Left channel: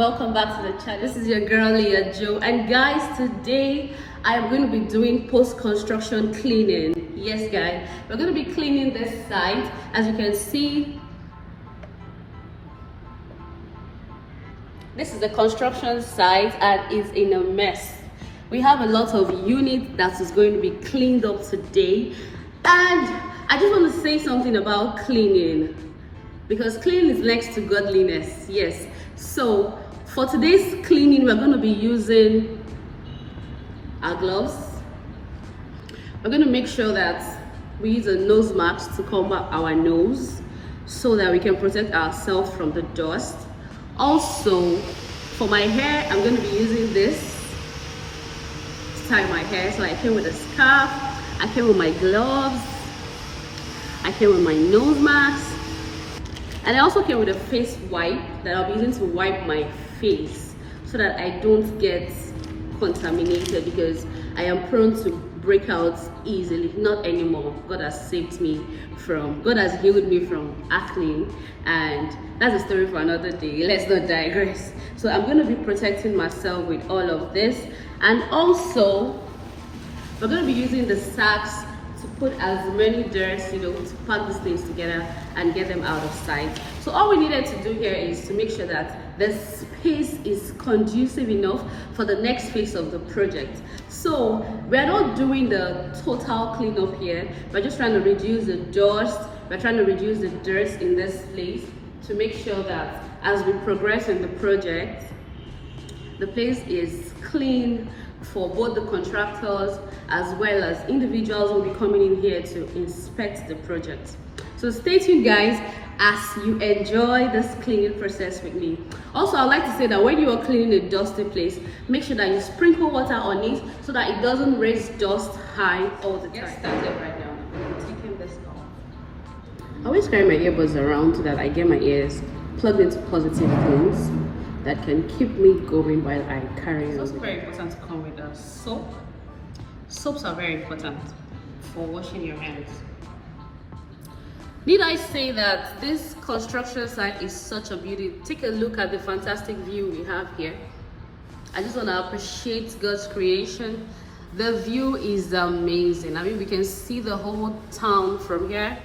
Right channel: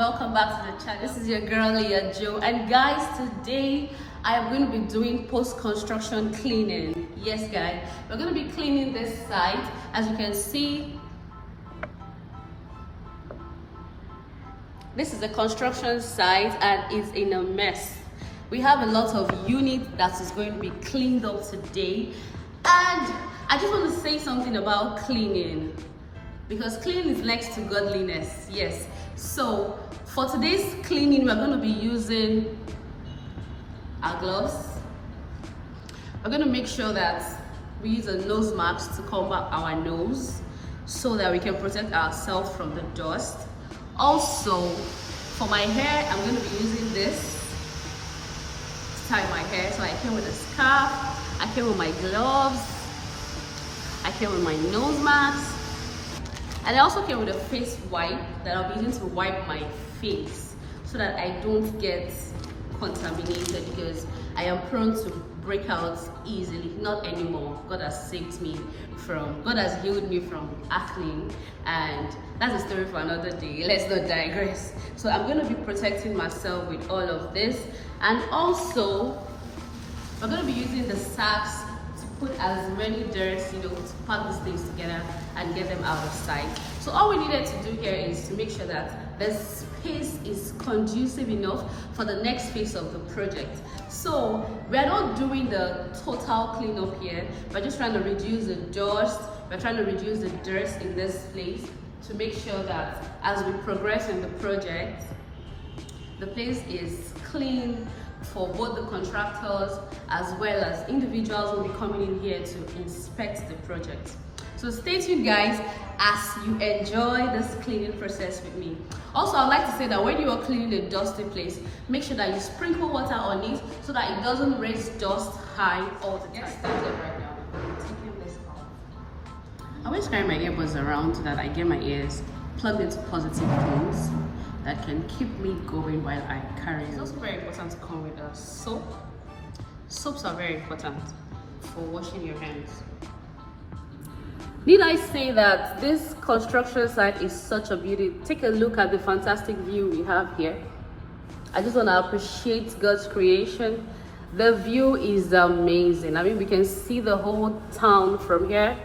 welcome back to the channel. This is your girl Leah Joe, and guys, today I am going to be doing post-construction cleaning. Yes guys, we're going to be cleaning this site. As you can see, this is the construction site and it's in a mess. We have a lot of units that is going to be cleaned up today, and I just want to say something about cleaning, because cleaning is next to godliness. Yes, so for today's cleaning we're going to be using our gloves. We're going to make sure that we use a nose mask to cover our nose so that we can protect ourselves from the dust. Also, for my hair, I'm going to be using this to tie my hair. So I came with a scarf, I came with my gloves, I came with my nose mask, and I also came with a face wipe that I'll be using to wipe my face so that I don't get contaminated, because I am prone to breakouts easily. Not anymore. God has saved me from, God has healed me from acne, and that's a story for another day. Let's not digress. So I'm going to be protecting myself with all of this, and also we're going to be using the sacks to put as many dirts, to pack these things together and get them out of sight. So all we needed to do here is to make sure that the space is conducive enough for the next phase of the project. So we're not doing the total cleanup here. We're just trying to reduce the dust. We're trying to reduce the dirt in this place to make sure that as we progress in the project, the place is clean for both the contractors as well as individuals who will be coming in here to inspect the project. So stay tuned guys as you enjoy this cleaning process with me. Also, I'd like to say that when you are cleaning a dusty place, make sure that you sprinkle water on it so that it doesn't raise dust high all the time. Get started right now. I'm taking this off. I always carry my earbuds around so that I get my ears plugged into positive things that can keep me going while I carry on. It's also very important to come with a soap. Soaps are very important for washing your hands. Need I say that this construction site is such a beauty? Take a look at the fantastic view we have here. I just want to appreciate God's creation. The view is amazing. I mean, we can see the whole town from here.